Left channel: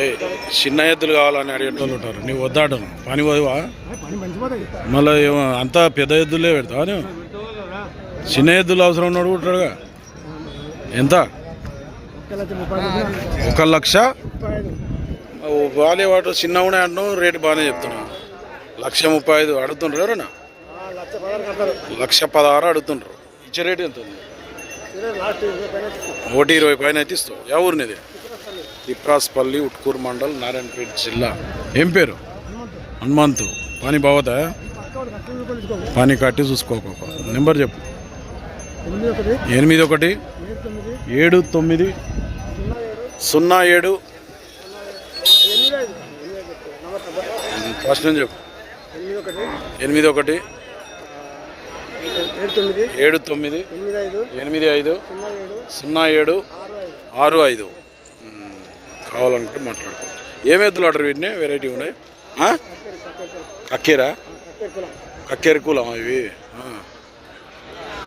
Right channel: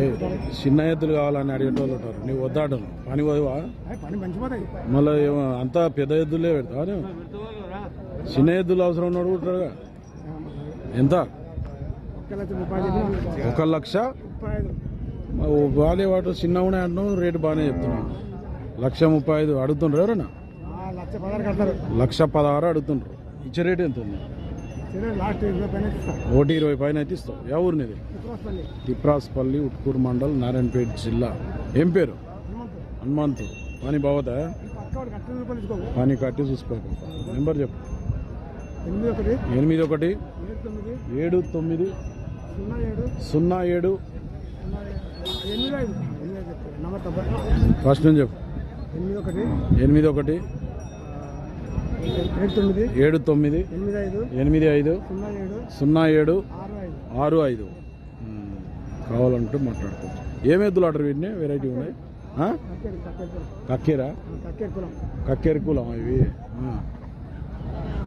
ఏ చిన్న ఎద్దులు కావాలని అడిగేటోళ్ళు ఉంటారు. నీవు వద్దాడను పని పోవా మళ్ళీ అంతా పెద్ద ఎద్దులే పెడతావా నువ్వు? చిన్న ఎద్దులు అవసరం ఉన్నాడు ఉంటాడుగా. ఎంత? 1,00,000. బాగాలే వాటి చిన్న ఉన్నాయి అంటున్నావు, రేటు బాగానే చెప్తున్నావు. 1,35,000 అడుగుతుండ్రు ఎవరన్నా? 1,16,000 అడుగుతుండ్రు. ఇచ్చే రేటు ఎంత ఉంది? 1,20,000 పైన అయితే ఇస్తావు. ఏ ఊరినిది? తిప్రాస్పల్లి, ఉట్కూరు మండల్, నారాయణపేట జిల్లా. ఏం పేరు? హనుమంతు. పని బాగుతా? పని కట్టి చూసుకోక. నెంబర్ చెప్పు. 81 79 07 ఫస్ట్ నుంచి చెప్పు. 81 79 85 07 65. కావాలనుకుంటే మాట్లాడుకో. ఏం ఎద్దులు ఆర్డర్ వీటిని? వెరైటీ ఉన్నాయి. కక్కేరా? కక్కేరు కులం ఇవి.